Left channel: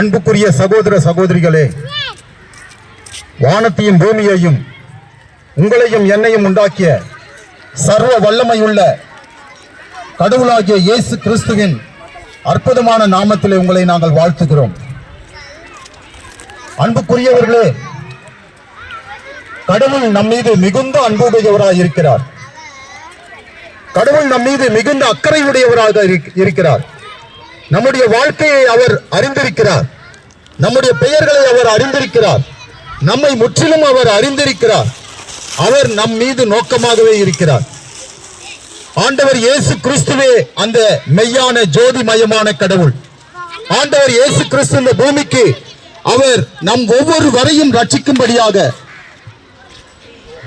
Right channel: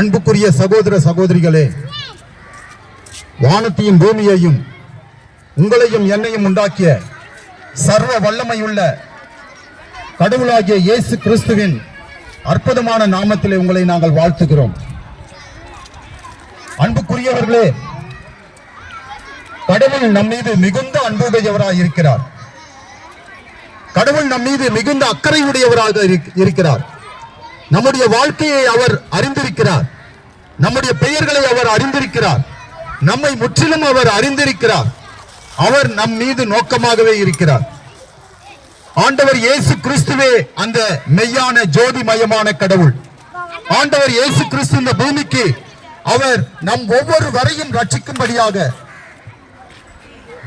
அன்புக்குரிய சகோதர சகோதரிகளே வானத்தையும் பூமியையும் உங்களையும் என்னையும் உண்டாக்கிய சர்வ வல்லமையுள்ள கடவுளாகிய இயேசு கிறிஸ்துவின் அற்புதமான நாமத்திலே உங்களை நாங்கள் வாழ்த்துகிறோம். அன்புக்குரியவர்களே கடவுள் நம் மீது மிகுந்த அன்புடையவராக இருக்கிறார். கடவுள் நம் மீது மிகுந்த அக்கறையுடையவராக இருக்கிறார். நம்முடைய வாழ்க்கையை அவர் அறிந்திருக்கிறார். நம்முடைய பெயர்களை அவர் அறிந்திருக்கிறார். நம்மை முற்றிலும் அவர் அறிந்திருக்கிறார். அவர் நம் மீது நோக்கமாகவே இருக்கிறார். ஆண்டவர் இயேசு கிறிஸ்துவே அந்த மெய்யான ஜோதிமயமான கடவுள். ஆண்டவர் இயேசு கிறிஸ்து இந்த பூமிக்கு அவர் நம் ஒவ்வொரு வரையும் ரட்சிக்கும்படியாக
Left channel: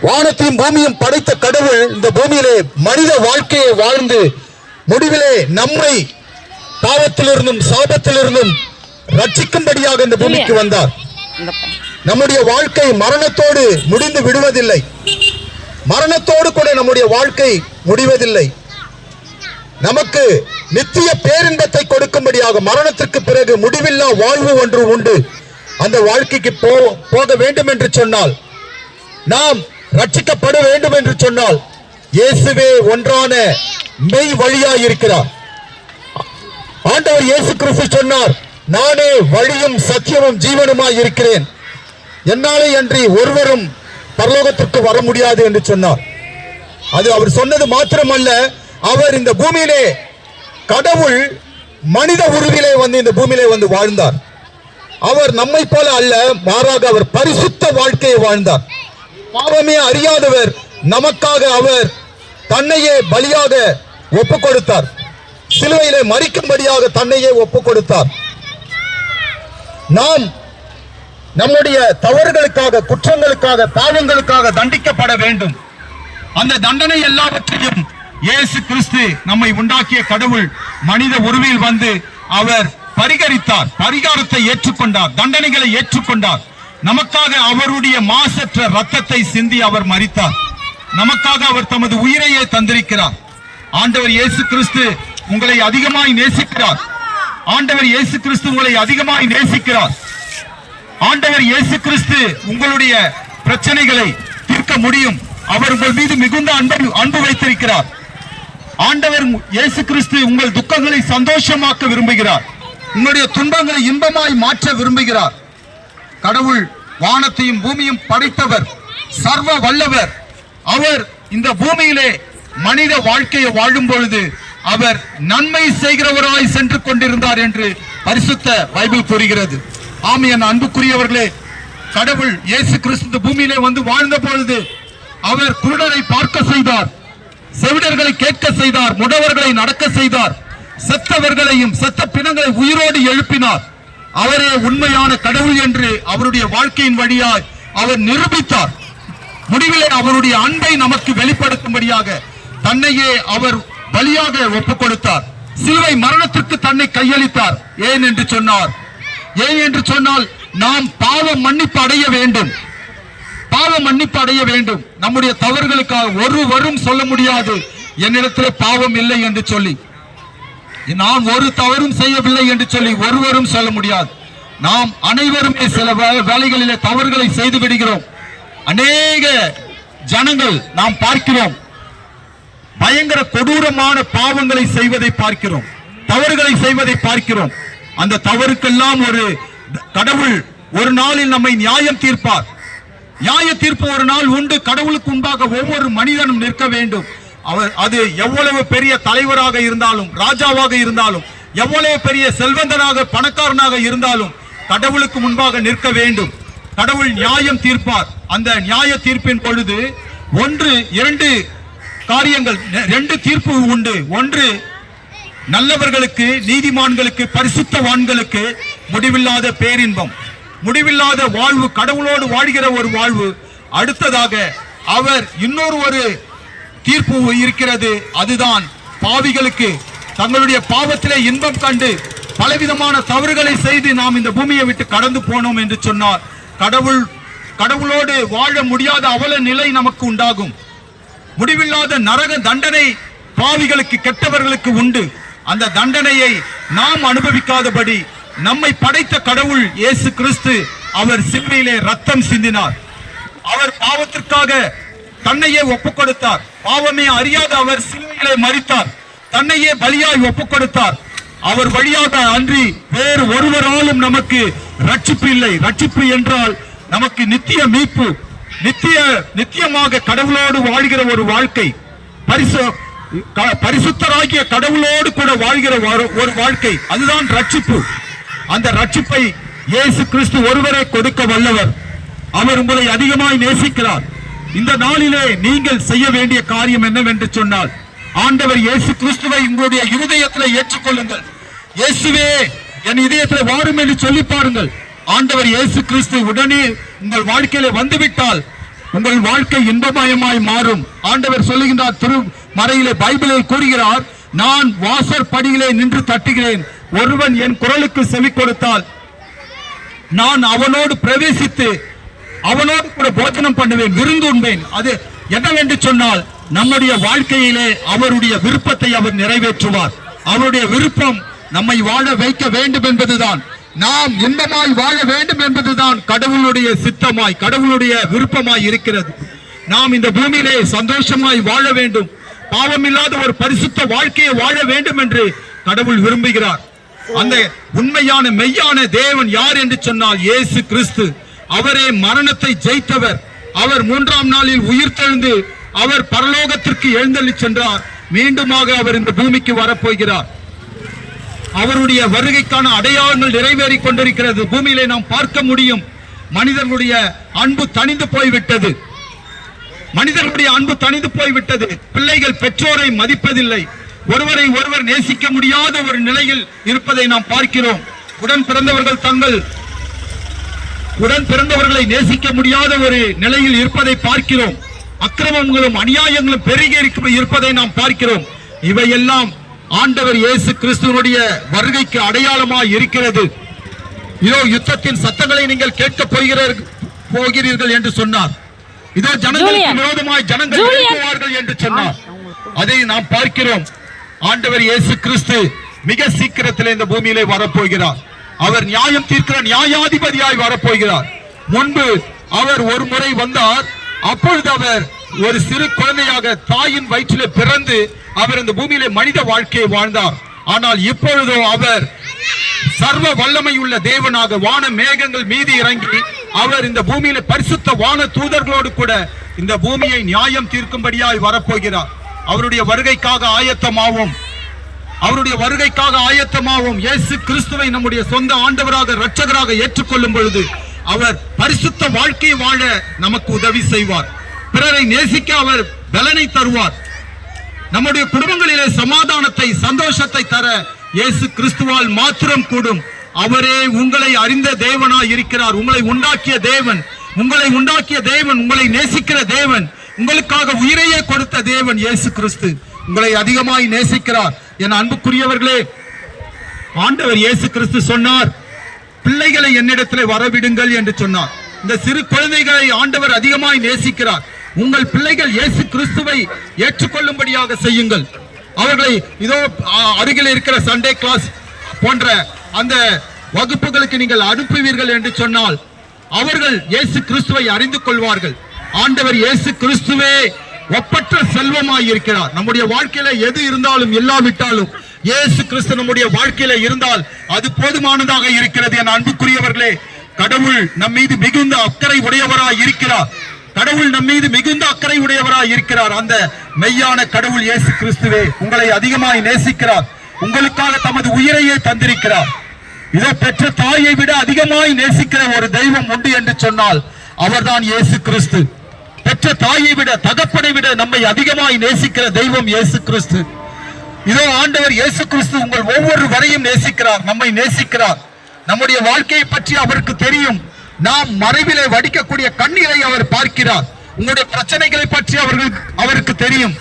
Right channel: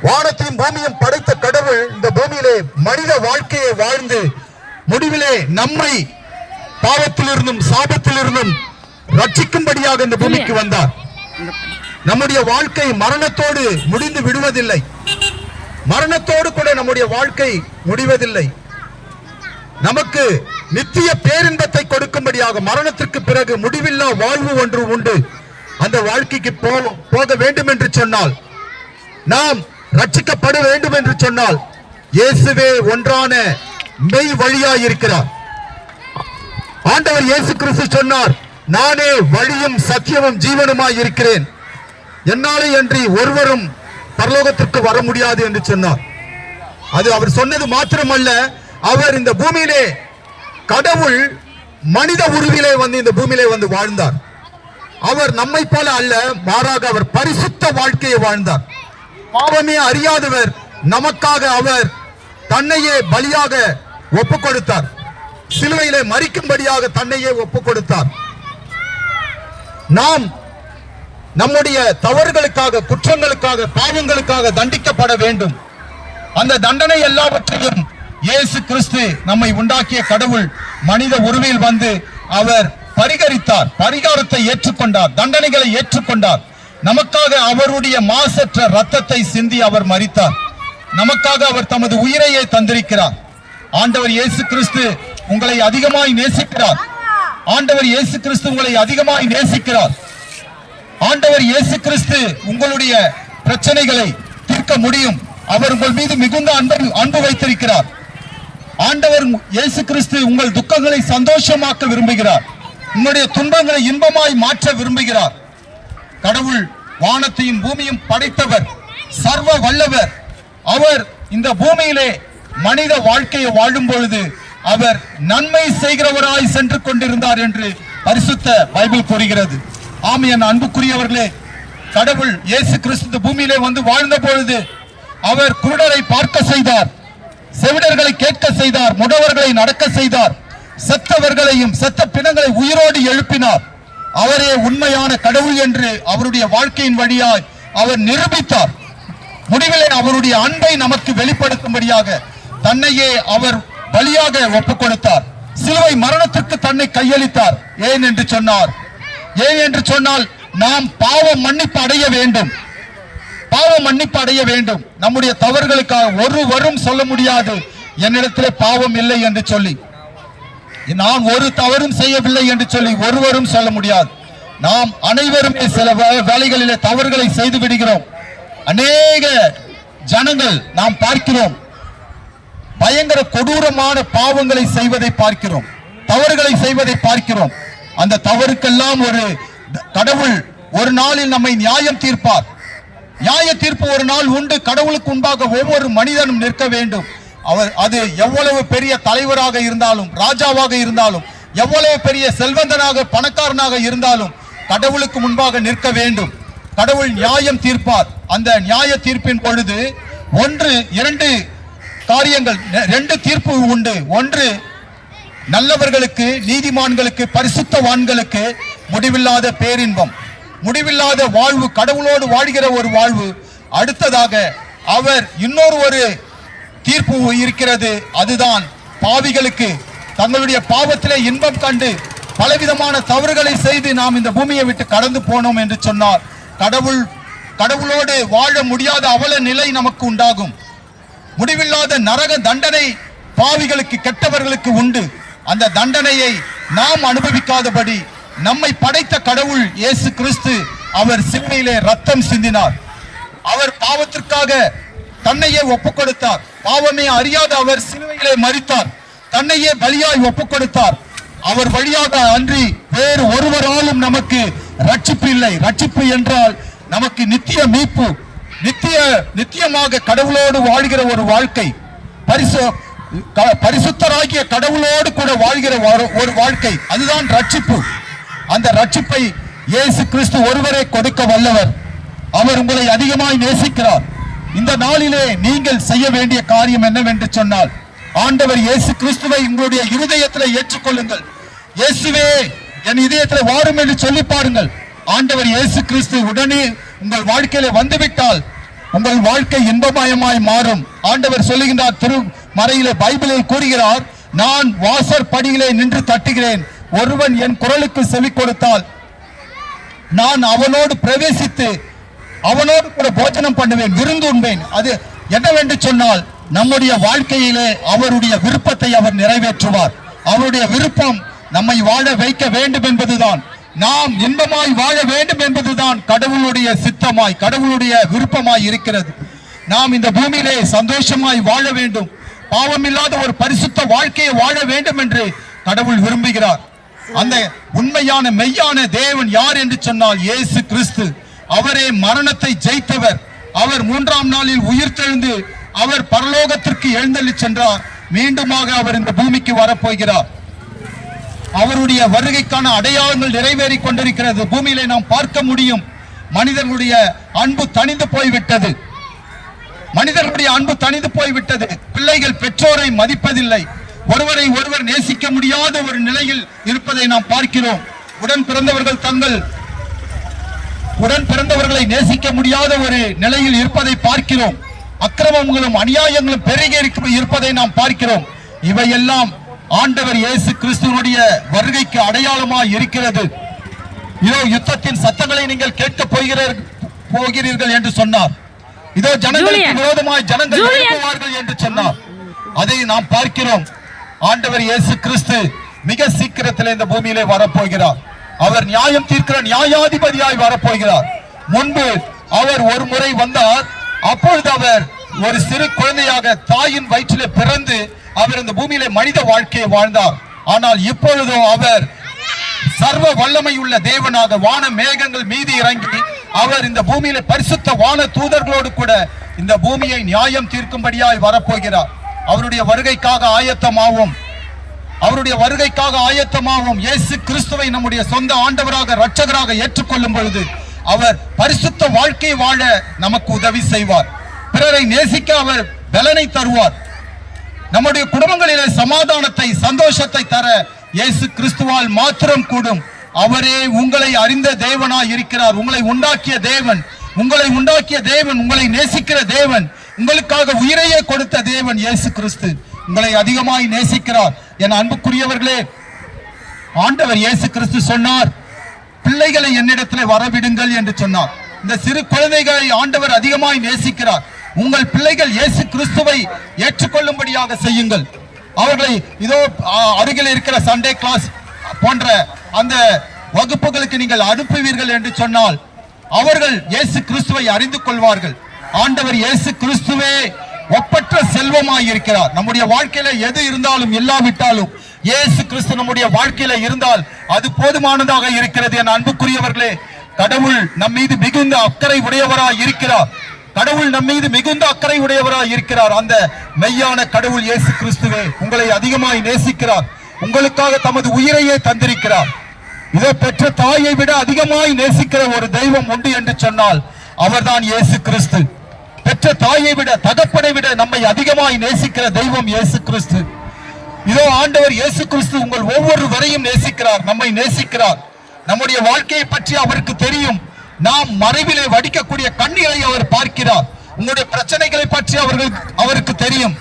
வானத்தையும் பூமியும் படைத்த கடவுள் இந்த பூமியிலே மனித வாழ்க்கையை வாழ்ந்து முடிவிலே நம்மை பாவத்திலிருந்தும் சாபத்திலிருந்தும் ரட்சிக்கும்படியாக இந்த பூமிக்கு வந்தார். நம்முடைய வாழ்க்கை மரணத்தோடு முடிந்து விடுவதில்லை. மரணத்தோடு கூட நம்முடைய வாழ்க்கை முடிவதில்லை. நமக்கு நித்திய பேரின்பத்தை கொடுக்கும்படியாக மரணத்திற்கு பிறகு முடிவில்லா வாழ்வு ஒன்று உண்டு. அந்த வாழ்க்கைக்கு போக வேண்டும் என்று சொன்னால் நாம் ரட்சிக்கப்பட வேண்டும் என்று சொன்னால் இயேசுவே ஒன்றான மெய் வழியாய் இருக்கிறார் ஆண்டவர் இயேசு கிறிஸ்து சொன்னார் நானே வழியும் சத்தியமும் ஜீவனுமாய் இருக்கிறேன். என்னாலே அன்றி ஒருவரும் பரலோகத்திற்கு வர முடியாது என்று சொன்னார். அது அவர் சொன்னது மாத்திரமல்ல அவர் இந்த பூமியிலே கடவுள் மனித உருவிலே வந்து இந்த பூமியிலே வந்து வாழ்ந்தார். அவர் நம்மை போல அல்ல மாறாக அவர் பரிசுத்த வாழ்க்கையை வாழ்ந்தார். பாவமே அறியாதவர் நமக்காக அவர் தன்னையே பலியாக ஒப்பு கொடுத்தார் சிலுவையிலே மறிக்கும்படியாக தன்னையே ஒப்பு கொடுத்தார் நாம் நம்முடைய தவறுகளுக்காக குற்றங்களுக்காக பாவங்களுக்காக தண்டிக்கப்பட வேண்டும். அந்த தண்டனை எல்லாவற்றையும் இயேசு கிறிஸ்து நம்மை உண்டாக்கிய கடவுள் மனித உருவில் வந்து அவர் பரிகரித்தார். பரிகாரத்தை ஏற்றுக்கொண்டார். தண்டனைகளை ஏற்றுக்கொண்டார். நமக்காக அவருடைய மாசற்ற ரத்தத்தை சிந்தி அவர் மறித்தார் நமக்காக அவர் தமது உயிரையே தந்திருக்கிறார். ஆண்டவர் இயேசு கிறிஸ்து உங்களை அதிகமாய் நேசிக்கிறார். ஆண்டவர் இயேசு கிறிஸ்து உங்களை அதிகமாய் நேசிக்கிறார். ஆண்டவர் இயேசு கிறிஸ்து உங்களுடைய பிரச்சனைகளை தீர்க்க முடியும். அவர் உங்கள் மீது மிகுந்த அன்பு அன்பு வைத்திருக்கிறார். ஆண்டவர் இயேசு கிறிஸ்து உங்கள் துக்கங்களை சந்தோஷமாக்க விரும்புகிறார். உங்களுடைய துன்பங்களை இன்பமாய் மாற்ற விரும்புகிறார். கடவுள் வானத்தையும் பூமியும் படைத்தவர் சர்வ வல்லவர். அவர் இந்த பூமியிலே மனித வாழ்க்கையை வாழும் பொழுது அவர் நன்மை செய்கிறவராய் சென்று கொண்டிருந்தார் என்று பரிசுத்த பைபிள் கூறுகிறது. ஆம் என் அன்புக்குரியவர்களே கடவுள் இயேசு கிறிஸ்து பூமியிலே வந்து வாழ்ந்த பொழுது அவர் குருடரை பார்க்க செய்தார் செவிடர்களை கேட்க செய்தார் முடவர்களை நடக்க செய்தார் செத்தவர்களையும் செத்த பிணங்களை உயிரோடு எழுப்பினார். அவரே உண்மையான கடவுள் என்று அவருடைய வாழ்க்கையின் வழியாய் அவர் நிரூபித்தார். முடிவிலே அவருடைய அன்பை நமக்கு வெளிப்படுத்தும்படியாக தன்னையே அவர் பலியாக ஒப்புக் கொடுத்தார் சிலுவை மரணத்திற்கு தன்னை கையளித்தார். ஏன் என்று சொன்னார்? ஏன் என்று சொன்னால் நாம் பாவ மன்னிப்பு அடைய வேண்டும். பாவ மன்னிப்பு அடைய வேண்டும். நம்முடைய தவறுகளுக்காக ஒருவரும் சொல்ல முடியாது. என்னிடத்திலே பாவம் இல்லை என்று சொல்லி. நான் ஒரு தவறும் செய்யவில்லை என்று சொல்லி ஒருவரும் சொல்ல முடியாது. நாம் அனைவருமே சில வே- வேலைகளிலே தவறுகளை செய்து விடுகிறோம். அநேக ஜனங்கள் நாம் பார்க்கிறோம். பயங்கர கொடூரமான பாவங்களை செய்வதை பார்க்கிறோம். தவறுகளை செய்வதை பார்க்கிறோம். அந்த தவறுக்கெல்லாம் ஒரு கடவுள் ஒரு நாளில் நம்மை நியாயம் தீர்ப்பார். நியாய தீர்ப்பு ஒரு நாள் உண்டு. கடவுளுக்கு உண்டாக ஒவ்வொரு மனிதனும் நிற்க வேண்டும். அவர் அது எவ்வளவு பெரிய தலைவராக இருந்தாலும் ராஜாவாக இருந்தாலும் எவ்வளவு பெரிய செல்வந்தனாக பணக்காரனாக இருந்தாலும் கடவுளுக்கு முன்பாக நிற்க வேண்டும். கடவுள் நியாயம் தீர்ப்பார். அந்த நியாய தீர்ப்பின் பொழுது ஒன்று இரண்டு காரியங்கள் ரெண்டு தீர்ப்பு உண்டு. ஒன்று நல்லவர்களுக்கு நீதிமான்களுக்கு பரிசுத்தவான்களுக்கு முடிவில்லாத பேரின்பம். முடிவில்லாத வாழ்வு கடவுளோடு வாழ்கிற ஒரு வாழ்வு. அடுத்ததாக அவர் இன்னொரு ஒரு தீர்ப்பு இருக்கிறது. அதுதான் பாவிகளுக்கு தங்களுடைய பாவத்திலே இன்பம் கண்டு பலவிதமான தவறுகளை செய்து நாம் இந்த பூமியை விட்டு கடந்து போனோம் என்று சொன்னார். கடவுள் கடவுளோடு வாழ முடியாத அவல நிலை நமக்கு உண்டாகும். முடிவில்லாத நரக தண்டனை பாவிகளுக்கு கெட்டவர்களுக்கு உண்டு. அந்த தண்டனையை நாம் அனுபவிக்காதபடி நம்மை படைத்த கடவுள் இயேசு கிறிஸ்து அவர் சிலுவையிலே ரத்தம் சிந்தினார். அவர் பாவத்திற்காக தன்னையே ஒப்புக்கொடுத்தார். பாவமே அறியாத அவர் சிலுவையிலே மறித்தார் தன்னையே பலியாய் ஒப்புக்கொடுத்தார். அவர் வழியாக அன்றி வேறு ஒருவராலும் நமக்கு ரட்சிப்பு இல்லை. ரட்சிப்பு என்றால் நமக்கு நித்திய மீட்பு. நித்திய நித்தியமாக கடவுளோடு வாழ்கிற ஒரு வாழ்க்கை பரிசு க- பரிசுத்தராகிய கடவுளோடு கூட வாழ்கிற ஒரு- ஒரு வாழ்க்கை அதுதான் ரட்சிப்பு. அந்த ரட்சிப்பை இயேசு கிறிஸ்து ஒருவரே கொடுக்க வல்லவர். அவர் உங்களை அதிகமாய் நேசிக்கிறார். இந்த நாளிலே நீங்கள் செய்ய வேண்டிய காரியம் என்னவென்று சொன்னால் ஆண்டவர் இயேசு கிறிஸ்துவை உங்களுடைய இருதயத்தில் ஏற்றுக்கொள்ளுங்கள். இயேசுவே என் இதயத்தில் வாரும் என்று சொல்லி பாருங்கள். ஆண்டவர் இயேசு கிறிஸ்து உடனே உங்கள் வாழ்க்கையில வந்துவிட்டால் உங்கள் வாழ்க்கை இன்பமயமாய் மாறும். ஆண்டவர் சொல்லுகின்றார் திரு மறையிலே பைபிளில் கூறுகிறார் நான் வாசற்படியிலே நின்று தட்டுகிறேன். ஒருவன் என் குரலுக்கு செவி கொடுத்தால் நான் அவனோடு பிரவேசித்து அவனோடு கூட போஜனம் பண்ணுவேன் விருந்து உண்பேன். அது என்னவென்று சொன்னால் நம்முடைய வாழ்க்கையிலே அவருடைய விருப்பத்தை அவர் நிறைவேற்றுவார். அவருடைய விருப்பம் நம்மை வாழ வைக்க வேண்டும் என்பதுதான். நாம் இன்பமாய் வாழ வேண்டும் என்பதுதான் கடவுளுடைய சித்தமாய் கடவுளுடைய விருப்பமாய் இருக்கிறது. நாம் இந்த பூமியிலே சந்தோஷமாய் வாழ வேண்டும். பாவமில்லாத ஒரு பரிசுத்த வாழ்க்கையை வாழ வேண்டும் என்று கடவுள் விரும்புகிறார். அந்த உண்மையான மெய்யான தேவன் யார் என்று சொன்னால் இயேசு கிறிஸ்து. அவரே மரணத்தை ஜெயித்தவர். அவர் மூன்றாம் நாளில் உயிர்த்தெழுந்து அவர் பரலோகத்திற்கு எழுந்தள்ளி சென்றார். மீண்டுமாக அவர் இந்த பூமிக்கு வரப்போகிறார். அவருடைய வருகைக்கான அடையாளங்கள் நிறைவேறிக் கொண்டிருக்கிறது. பூமியிலே நாம் பார்க்க முடியும். மனிதர்களுடைய அன்பு தணிந்து போய்விட்டது. மனிதர்களுடைய அன்பு தணிந்து போய்விட்டது. பிள்ளைகள் பெற்றோரை மதிப்பதில்லை. ஒருவரை ஒருவர் நேசிக்க முடியாத ஒரு நிலையில் இருப்பதை நாம் பார்க்கிறோம். உடன் பிறந்தவர்கள் தங்கள் உடன் பிறந்தவர்களை நேசிக்க முடியாத ஒரு நிலையில் இருப்பதை பார்க்கிறோம். அக்கிரமங்களும் அநியாயங்களும் பெருகி இருப்பதை நாம் பார்க்கிறோம். இவையெல்லாம் ஆண்டவர் இயேசு கிறிஸ்துவனுடைய வருகைக்கு அடையாளமாய் இருக்கிறது. இதோ யுத்தத்தின் சத்தங்களை நீங்கள் கேட்க போகிறீர்கள் போகிறீர்கள் என்று சொன்னார். இதோ ஜனங்களுக்கு. விரோதமாய் ஜனங்கள். எழுப்புவார்கள் என்று சொன்னார். அதை நாம் பார்க்கிறோம். ஆண்டவர் இயேசு கிறிஸ்து மிக சீக்கிரத்தில் இந்த பூமியிலே வரப்போகிறார். அவர் நியாயம் தீர்க்கிற நியாயாதிபதியாய் வரப்போகிறார். முன்பு அவர் ஒரு முறை வந்தார் அப்பொழுது அவர் ஒரு சிறு குழந்தையாக தாயின் வயிற்றிலே பிறந்து அவர் இந்த பூமியிலே மனித வாழ்க்கையை வாழ்ந்தார். ஆனால் இப்பொழுதோ அவர் சர்வ வல்லமை உள்ள தேவனாக வான மேகங்கள் மீது இறங்கி அவர் இந்த பூமியில பரிசுத்த வான தூதர்களோடு கூட இந்த பூமியை நியாயம் தீர்க்கும்படியாய் வரப்போகிறார். அவருடைய வருகைக்காக ஆயத்தமாவோம். அவருடைய வருகைக்காக ஆயத்தமாவோம். இயேசு கிறிஸ்துவை நம்முடைய சொந்த ஆண்டவராக ரட்சகராக ஏற்றுக்கொள்ளும் பொழுது அவர் பரிசுத்த வாழ்க்கை வாழ நமக்கு உதவி செய்வார். பிறரை நேசிக்க அவர் பலனை தருவார். நம்முடைய குடும்பங்களிலே சமாதானத்தை சந்தோஷத்தை தர இயேசு கிறிஸ்துவால் மாத்திரம் கூடும். அவரே உங்களை அறிந்த தேவனாய் இருக்கிறார். உங்களை உண்டாக்கிய தேவன் உங்களை உண்டாக்கிய தேவன் உங்களை நேசிக்கிற தேவன் உங்களுக்காக உயிரையே கொடுத்த தேவன் இயேசு கிறிஸ்து. உங்களை அதிகமாய் நேசிக்கிறார். என் அன்புக்குரியவர்களே ஆண்டவர் இயேசு கிறிஸ்து சொன்னார் பிள்ளைகளை என்னிடத்தில் வரவிடுங்கள் என்று சொன்னார். இந்த சிறு குழந்தைகளை ஆண்டவர் அதிகமாய் நேசிக்கிறார். உங்கள் பிள்ளைகள் இயேசு கிறிஸ்துவை ஏற்றுக்கொள்ளும்படியாக செய்யுங்கள். அவர்களை இதோ அருகில் இருக்கிற சண்டே கிளாஸ் போன்ற அந்த வகுப்புகளுக்கு நீங்கள் அனுப்புவீர்கள் என்று சொன்னால் அவர்கள் இயேசு கிறிஸ்துவை அறிந்து கொள்வார்கள். ஆண்டவர் இயேசு கிறிஸ்துவே ஒப்பற்ற செல்வமாய் இருக்கிறார். நம்முடைய வாழ்க்கையில எது இருந்தாலும் இல்லாவிட்டாலும் இயேசு கிறிஸ்து நம்முடைய வாழ்க்கையில இருந்தால் அது போதுமானதாக இருக்கிறது என் அன்புக்குரியவர்களே. கடவுள் நம் மீது மிகுந்த அக்கறை உடையவராய் இருக்கிறார். கடவுள் நம் மீது மிகுந்த அக்கறை உடையவராய் இருக்கிறார். அந்த மெய்யான கடவுள் இயேசு கிறிஸ்துவே உங்களை அதிகமாய் நேசிக்கிறார். உங்களுக்காக தமது உயிரையே தந்திருக்கிறார். இதோ பெற்ற தாயை விட அதிகமாய் நேசிக்கிற ஒரு தெய்வம் உண்டு என்று சொன்னால் அவர்தான் இயேசு கிறிஸ்து. பெற்ற தாயை விட தகப்பனை விட நம்மை அதிகமாய் நேசிக்கிற தெய்வம் இயேசு கிறிஸ்து. இதோ ஆண்டவர் இயேசு கிறிஸ்து உங்கள் ஒவ்வொரு வரையும் நேசிக்கிறார் நம்மை நேசிக்கிறார். நம்முடைய வாழ்க்கையை பற்றி அவருக்கு தெரியும். நாம் மறைவிலே வடிக்கக்கூடிய கண்ணீரை அவர் பார்க்கிறார். உங்களுடைய பிரச்சனைகளை பற்றி அவர்களுக்கு அவருக்கு தெரியும்.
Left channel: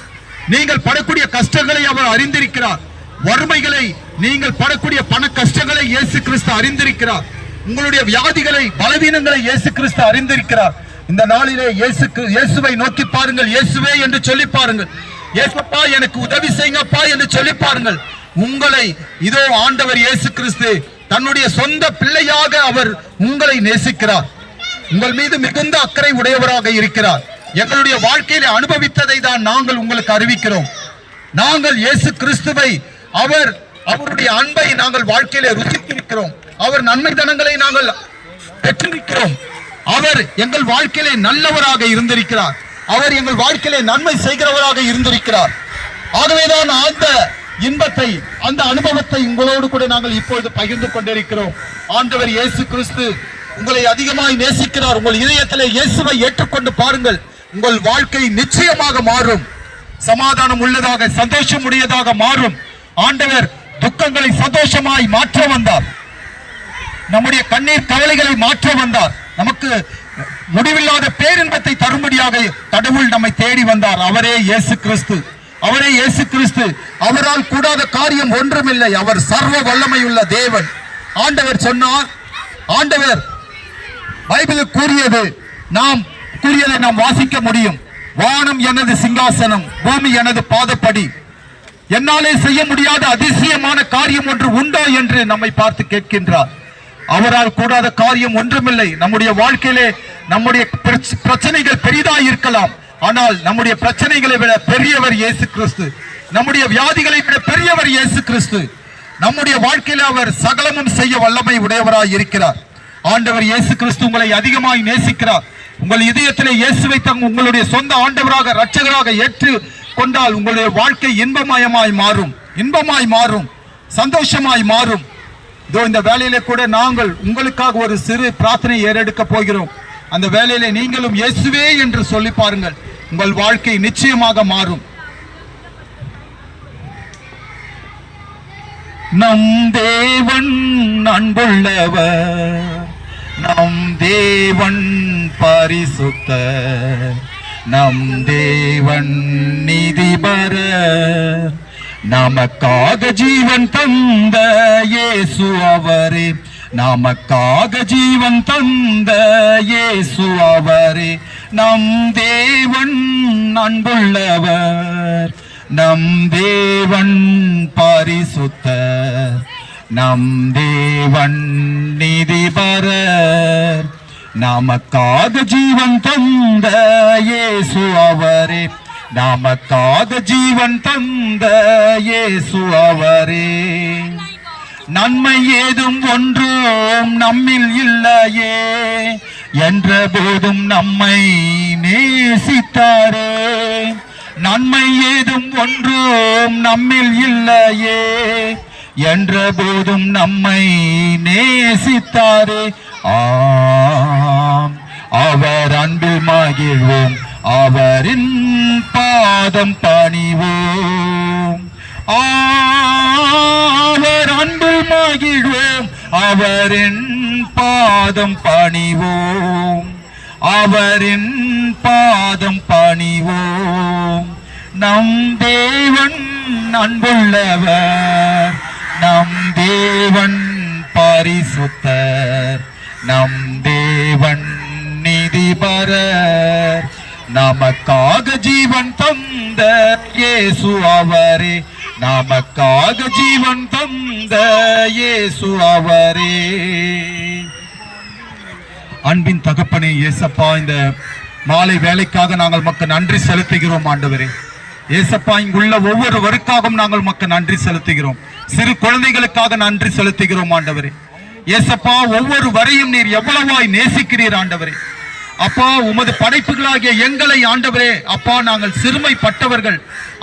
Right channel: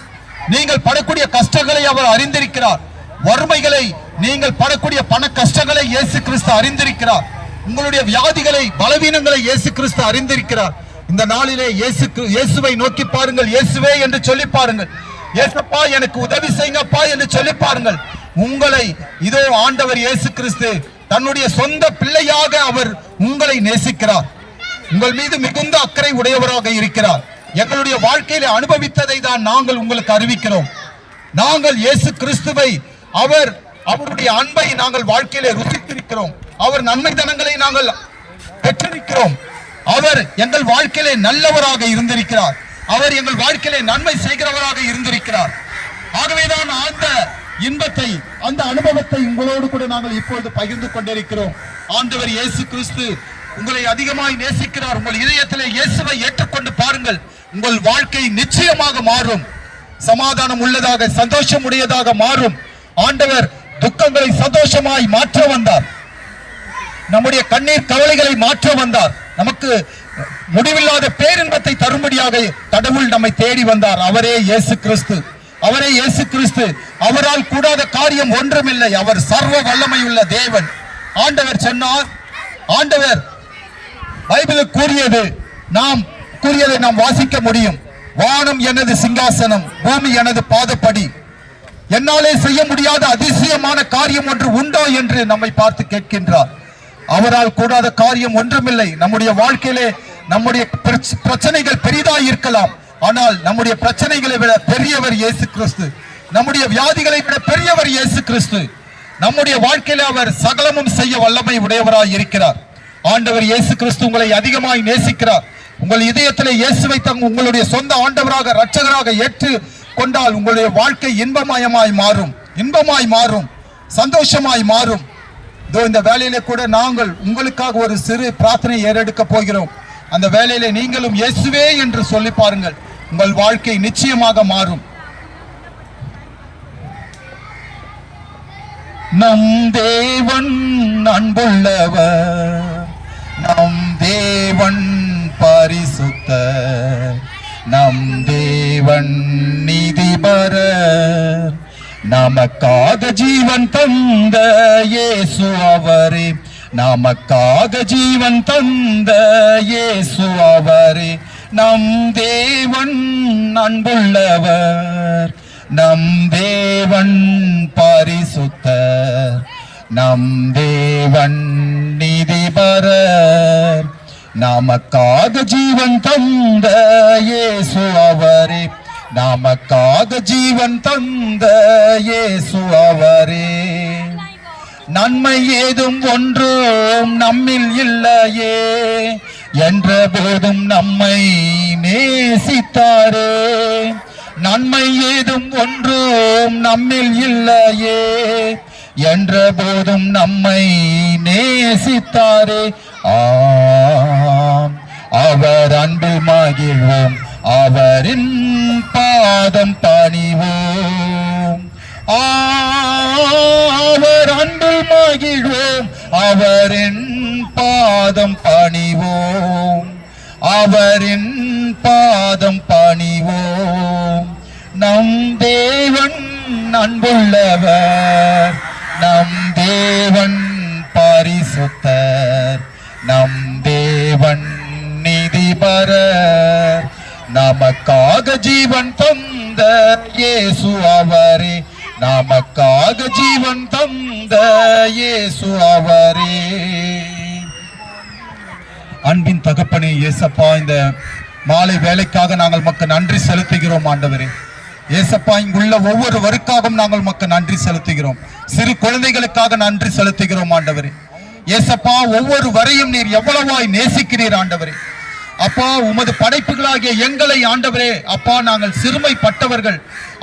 நீங்கள் படக்கூடிய கஷ்டங்களை அவர் அறிந்திருக்கிறார். வறுமைகளை நீங்கள் படக்கூடிய பண கஷ்டங்களை இயேசு கிறிஸ்து அறிந்திருக்கிறார். உங்களுடைய வியாதிகளை பலவீனங்களை இயேசு கிறிஸ்து அறிந்திருக்கிறார். இந்த நாளிலே இயேசு இயேசுவை நோக்கி பாருங்கள். இயேசுவே என்று சொல்லி பாருங்கள். இயேசப்பா எனக்கு உதவி செய்யுங்கப்பா என்று சொல்லி பாருங்கள். உங்களை இதோ ஆண்டவர் இயேசு கிறிஸ்து தன்னுடைய சொந்த பிள்ளையாக அவர் உங்களை நேசிக்கிறார். உங்கள் மீது மிகுந்த அக்கறை உடையவராக இருக்கிறார். எங்களுடைய வாழ்க்கையில அனுபவித்ததை தான் நாங்கள் உங்களுக்கு அறிவிக்கிறோம். நாங்கள் இயேசு கிறிஸ்துவை அவர் அவருடைய அன்பை நாங்கள் வாழ்க்கையில ருசித்திருக்கிறோம். அவர் நன்மை தனங்களை நாங்கள் பெற்றிருக்கிறோம். அவர் எங்கள் வாழ்க்கையிலே நல்லவராக இருந்திருக்கிறார். அவர் எங்கள் வாழ்க்கையிலே நன்மை செய்கிறவராக இருந்திருக்கிறார். ஆகவேதான் அந்த இன்பத்தை அந்த அனுபவத்தை உங்களோடு கூட நாங்கள் இப்பொழுது பகிர்ந்து கொண்டிருக்கிறோம். ஆண்டவர் இயேசு கிறிஸ்து உங்களை அதிகமாய் நேசிக்கிறார். உங்கள் இதயத்திலே இயேசுவை ஏற்றுக்கொண்டு பாருங்கள். உங்கள் வாழ்க்கை நிச்சயமாக மாறும். சமாதானம் உள்ளதாக சந்தோஷம் உடையதாக மாறும். ஆண்டவர் துக்கங்களை சந்தோஷமாய் மாற்ற வந்தார். நம்முடைய கண்ணீர் கவலைகளை மாற்ற வந்தார். நமக்கு முடிவில்லாத பேரின்பத்தை தரும்படியாக கடவுள் நம்மை தேடி வந்தார். அவரே இயேசு கிறிஸ்து. அவரே இயேசு கிறிஸ்து அவரால் கூடாத காரியம் ஒன்றுமில்லை. அவர் சர்வ வல்லமையுள்ள தேவன். ஆண்டவர் சொன்னார் ஆண்டவர் பைபிளில் கூறியது நாம் கூறியதை நாம் வாசிக்க முடியும். வானம் எனது சிங்காசனம் பூமி எனது பாதப்படி. என்னாலே செய்ய முடியாத அதிசயமான காரியம் ஒன்று உண்டோ என்று நம்மை பார்த்து கேட்கின்றார். அவரால் கூடாத காரியம் ஒன்றுமில்லை. நம்முடைய வாழ்க்கையிலே நம்முடைய பிரச்ச- பிரச்சனைகள் பெரிதாக இருக்கலாம் ஆனால் நம்முடைய பிரச்சனைகளை விட பெரியவர் இயேசு கிறிஸ்து. நம்முடைய வியாதிகளை விட பெரியவர் இயேசு கிறிஸ்து. நம்முடைய வாழ்க்கையில அவர் சகலமும் செய்ய வல்லமை உடையவராய் இருக்கிறார். ஆண்டவர் இயேசு கிறிஸ்து உங்களை அதிகமாய் நேசிக்கிறார். உங்கள் இதயத்திலே இயேசுவை தங் உங்களுடைய சொந்த ஆண்டவராக இரட்சகராக ஏற்று கொண்டால் உங்களுடைய வாழ்க்கை இன்பமயமாய் மாறும். இன்பமாய் மாறும். சந்தோஷமாய் மாறும். இதோ இந்த வேலையில கூட நாங்கள் உங்களுக்காக ஒரு சிறு பிரார்த்தனை ஏறெடுக்க போகிறோம். அந்த வேலையில நீங்களும் இயேசுவே என்று சொல்லி பாருங்கள். உங்கள் வாழ்க்கை நிச்சயமாக மாறும். நம் தேவன் அன்புள்ளவர் நம் தேவன் பரிசுத்த நம் தேவன் நிதிபர நமக்காக ஜீவன் தந்த இயேசு அவரே நமக்காக ஜீவன் தந்த இயேசு அவரே. நம் தேவன் அன்புள்ளவர். நம் தேவன் பரிசுத்த நம் தேவன் நீதிபரர். நமக்காக ஜீவன் தந்த இயேசு அவரே. நமக்காக ஜீவன் தந்த இயேசு அவரே. நன்மை ஏதும் ஒன்றும் நம்மில் இல்லையே. என்ற போதும் நம்மை நேசித்தாரே. நன்மை ஏதும் ஒன்றும் நம்மில் இல்லையே. என்ற போதும் நம்மை நேசித்தாரே. ஆம் அவர் அன்பில் மகிழ்வோம். அவரின் பாதம் பணிவோம். அவர் அன்பில் மகிழ்வோம். அவரின் பாதம் பணிவோம். அவரின் பாதம் பணிவோம். நம் தேவன் அன்புள்ளவர். நம் தேவன் பரிசுத்தர். நம் தேவன் நிதிபர நமக்காக ஜீவன் தந்த இயேசு அவரே. நமக்காக ஜீவன் தந்த இயேசு அவரே. அன்பின் தகப்பனே இயேசப்பா இந்த மாலை வேலைக்காக நாங்கள் மக்கள் நன்றி செலுத்துகிறோம் ஆண்டவரே. ஏசப்பா இங்குள்ள ஒவ்வொருவருக்காகவும் நாங்கள் மக்கள் நன்றி செலுத்துகிறோம். சிறு குழந்தைகளுக்காக நன்றி செலுத்துகிறோம் ஆண்டவரே. ஏசப்பா ஒவ்வொரு வரையும் நீர் எவ்வளவாய் நேசிக்கிறீர் ஆண்டவரே. அப்பா உமது படைப்புகளாகிய எங்களை ஆண்டவரே அப்பா நாங்கள் சிறுமைப்பட்டவர்கள்.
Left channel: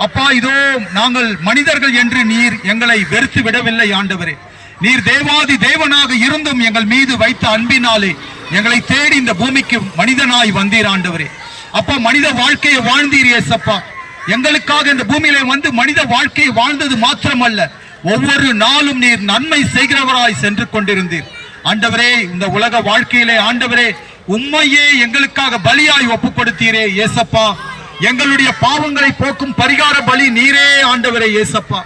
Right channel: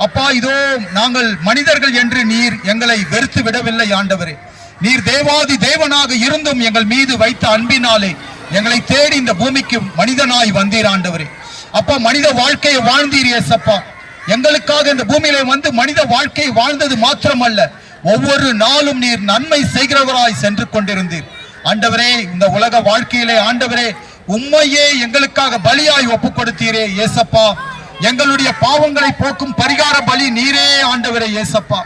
அப்பா இதோ நாங்கள் மனிதர்கள் என்று நீர் எங்களை வெறுத்து விடவில்லை ஆண்டவரே. நீர் தேவாதி தேவனாக இருந்தும் எங்கள் மீது வைத்த அன்பினாலே எங்களை தேடி இந்த பூமிக்கு மனிதனாய் வந்தீர் ஆண்டவரே. அப்பா மனித வாழ்க்கையை வாழ்ந்தீர் ஏசப்பா எங்களுக்காக இந்த பூமியில வந்து மனித வாழ்க்கையை வாழ்ந்தது மாத்திரமல்ல ஒவ்வொரு நாளும் நீர் நன்மை செய்கிறவராய் சென்று கொண்டிருந்தீர். ஆண்டவரே இந்த உலக வாழ்க்கையிலே ஆண்டவரே உண்மையே எங்களுக்காக பலியாய் ஒப்பு கொடுத்தீரே ஏசப்பா எங்களுடைய பாவங்களை போக்கும் பரிகார பலி நீரே ஆண்டவரே ஏசப்பா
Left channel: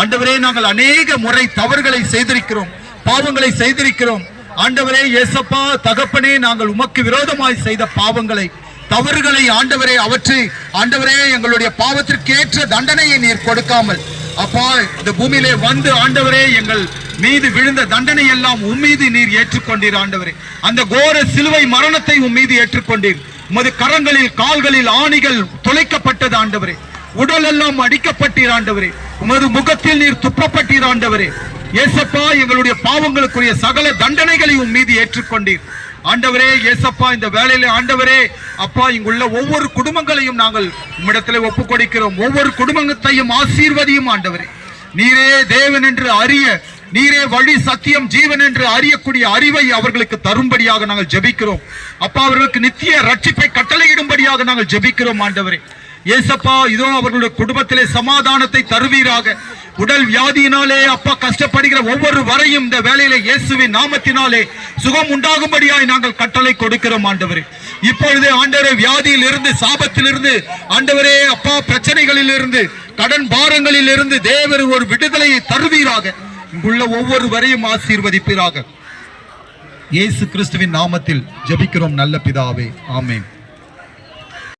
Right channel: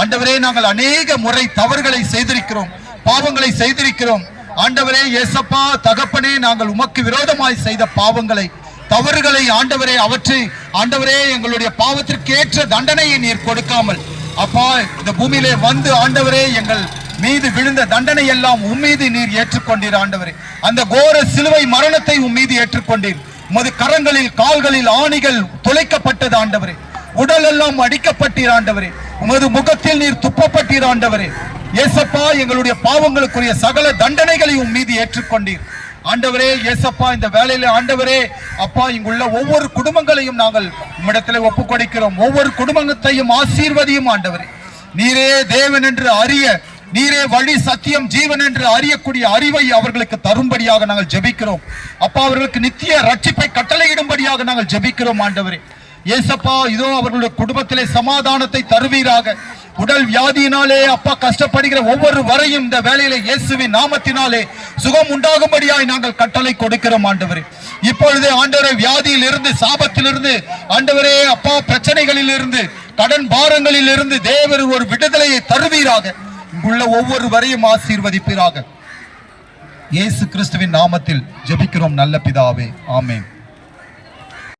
ஆண்டவரே நாங்கள் அநேக முறை தவறுகளை செய்திருக்கிறோம் பாவங்களை செய்திருக்கிறோம். ஆண்டவரே ஏசப்பா தகப்பனே நாங்கள் உமக்கு விரோதமாய் செய்த பாவங்களை தவறுகளை ஆண்டவரே அவற்றை ஆண்டவரே எங்களுடைய பாவத்திற்கு ஏற்ற தண்டனையை நீர் கொடுக்காமல் அப்பா இந்த பூமியிலே வந்து ஆண்டவரே எங்கள் மீது விழுந்த தண்டனை எல்லாம் உம்மீது நீர் ஏற்றுக்கொண்டீர் ஆண்டவரே. அந்த கோர சிலுவை மரணத்தை உம்மீது ஏற்றுக்கொண்டீர். உமது கரங்களில் கால்களில் ஆணிகள் துளைக்கப்பட்டது ஆண்டவரே. உடல் எல்லாம் அடிக்கப்பட்டீர் ஆண்டவரே. உமது முகத்தில் நீர் துப்பப்பட்டீர் ஆண்டவரே. ஏசப்பா எங்களுடைய பாவங்களுக்குரிய சகல தண்டனைகளை உம் மீது ஏற்றுக்கொண்டீர். ஆண்டவரே ஏசப்பா இந்த வேலையில ஆண்டவரே அப்பா இங்குள்ள ஒவ்வொரு குடும்பங்களையும் நாங்கள் உம்மிடத்திலே ஒப்பு கொடுக்கிறோம் ஒவ்வொரு குடும்பத்தையும் ஆசீர்வதியும் ஆண்டவரே. நீரே தேவன் என்று அறிய நீரே வழி சத்தியம் ஜீவன் என்று அறியக்கூடிய அறிவை அவர்களுக்கு தரும்படியாக நாங்கள் ஜெபிக்கிறோம். அப்பா அவர்களுக்கு நித்திய ரட்சிப்பை கட்டளையிடும்படியாக நாங்கள் ஜெபிக்கிறோம் ஆண்டவரே. ஏசப்பா இதோ அவர்களுடைய குடும்பத்திலே சமாதானத்தை தருவீராக. உடல் வியாதியினாலே அப்பா கஷ்டப்படுகிற ஒவ்வொரு வரையும் இந்த வேலையில இயேசுவின் நாமத்தினாலே சுகம் உண்டாகும்படியாய் நாங்கள் கட்டளை கொடுக்கிறோம் ஆண்டவரே. இப்பொழுது ஆண்டவரே வியாதியில் இருந்து சாபத்தில் இருந்து ஆண்டவரே அப்பா பிரச்சனைகளில் இருந்து கடன் பாரங்களில் இருந்து தேவர் ஒரு விடுதலையை தருவீராக. இங்குள்ள ஒவ்வொரு வரையும் ஆசீர்வதிப்பீராக. இயேசு கிறிஸ்துவின் நாமத்தில் ஜெபிக்கிறோம் நல்ல பிதாவே. ஆமேன்.